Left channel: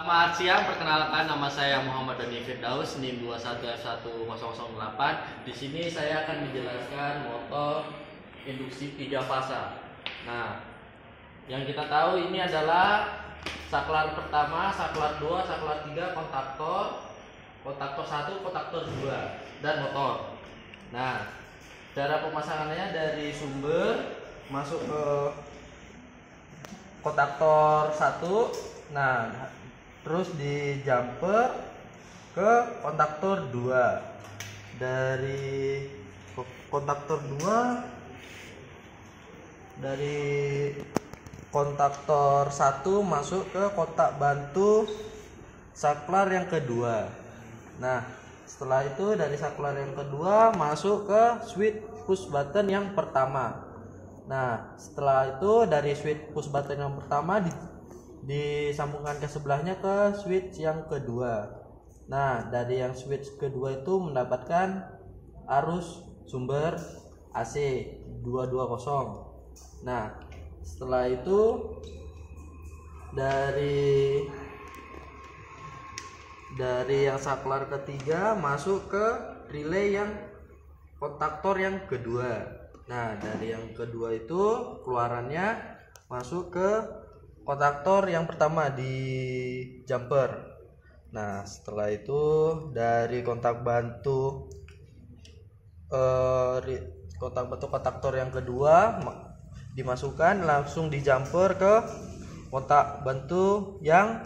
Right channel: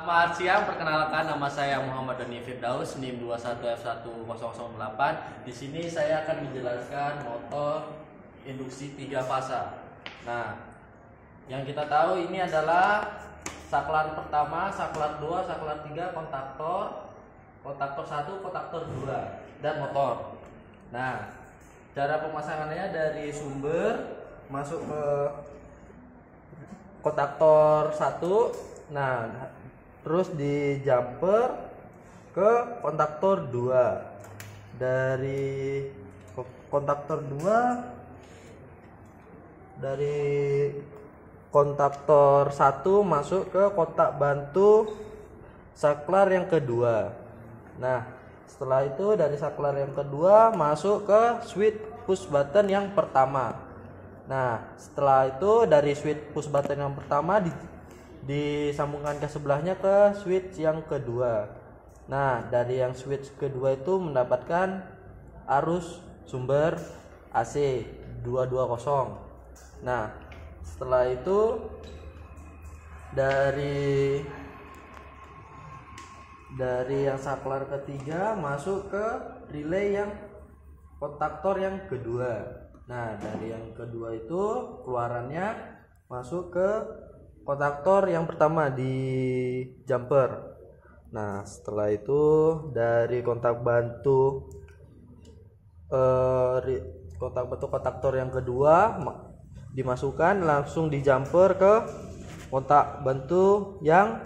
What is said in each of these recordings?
Selamat siang, perkenalkan nama saya Muhammad Doni Firdaus, NIM 21F1008. Di sini saya akan menjelaskan motor induksi 3 fasa. Nah, yang kita tahu ini adalah saklar pertama, saklar 2, saklar 3, kontaktor 1, kontaktor 2, dan motor. Nah, cara pemasangannya dari sumber masuk ke kontaktor 1. Nah, terus di jumper ke kontaktor 2. Dari kontaktor 2, dari kontaktor 1 masuk ke kotak bantu saklar yang kedua. Nah, setelah itu dari saklar yang kedua masuk ke switch push button yang pertama. Nah, setelah itu dari switch push button yang pertama disambungkan ke sebelahnya ke switch yang kedua. Nah, dari yang switch kedua itu mendapatkan arus sumber AC 220. Nah, setelah itu dari yang saklar ketiga masuk ke relay yang kontaktor yang kedua. Nah, dari yang kedua itu keluarannya masuk ke kontaktor yang pertama di jumper. Nah, setelah itu dari kontak bantu kontaktor yang kedua dimasukkan langsung di jumper ke kontak bantu yang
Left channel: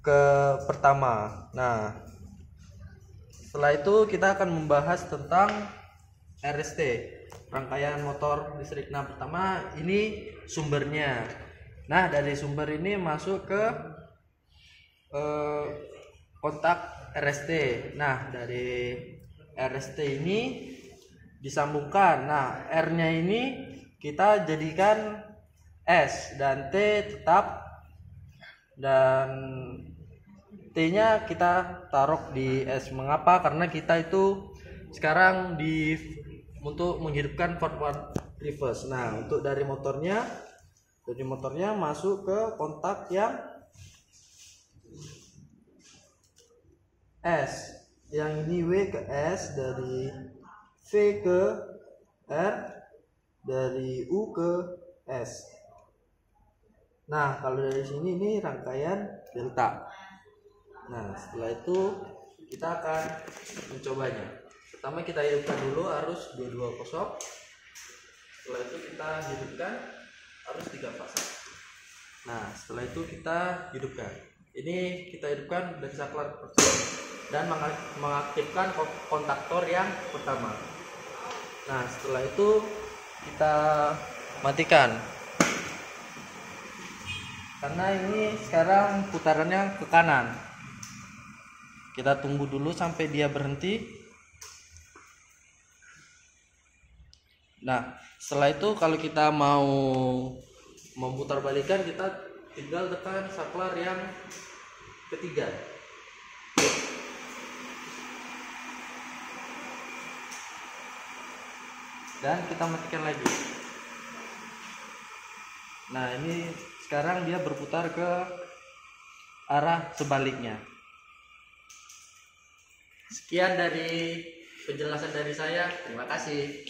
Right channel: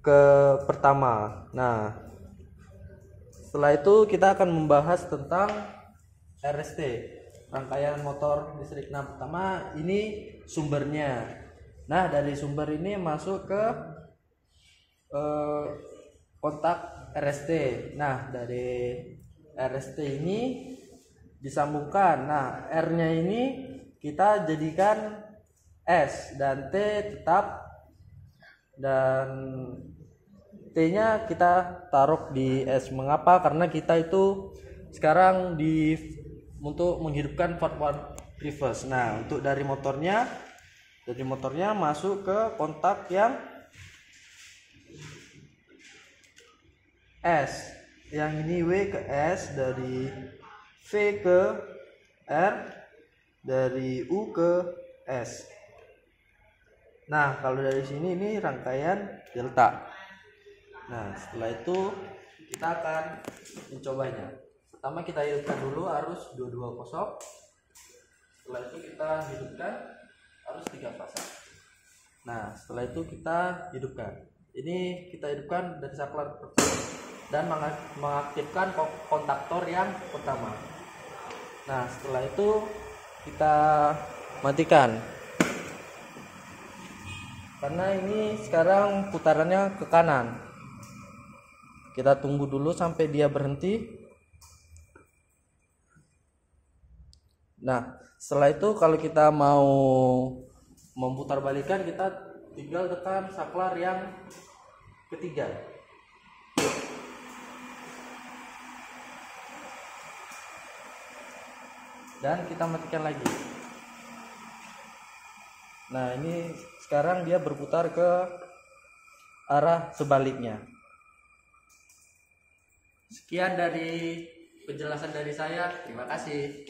ke pertama. Nah, setelah itu kita akan membahas tentang RST, rangkaian motor listrik. Nah, pertama ini sumbernya. Nah, dari sumber ini masuk ke kontak RST. Nah, dari RST ini disambungkan. Nah, R-nya ini kita jadikan S dan T tetap, dan T-nya kita taruh di S. Mengapa? Karena kita itu sekarang untuk menghidupkan forward reverse. Nah, untuk dari motornya masuk ke kontak yang S. Yang ini W ke S, dari V ke R, dari U ke S. Nah, kalau dari sini ini rangkaian delta. Nah, setelah itu kita akan mencobanya. Pertama kita hidupkan dulu arus 220. Setelah itu kita hidupkan arus 3 fasa. Nah, setelah itu kita hidupkan. Ini kita hidupkan dari saklar pertama dan mengaktifkan kontaktor yang pertama. Nah, setelah itu kita matikan. Karena ini sekarang putarannya ke kanan. Kita tunggu dulu sampai dia berhenti. Nah, setelah itu kalau kita mau memutar balikan, kita tinggal tekan saklar yang ketiga. Dan kita matikan lagi. Nah, ini sekarang dia berputar ke arah sebaliknya. Sekian dari penjelasan dari saya. Terima kasih.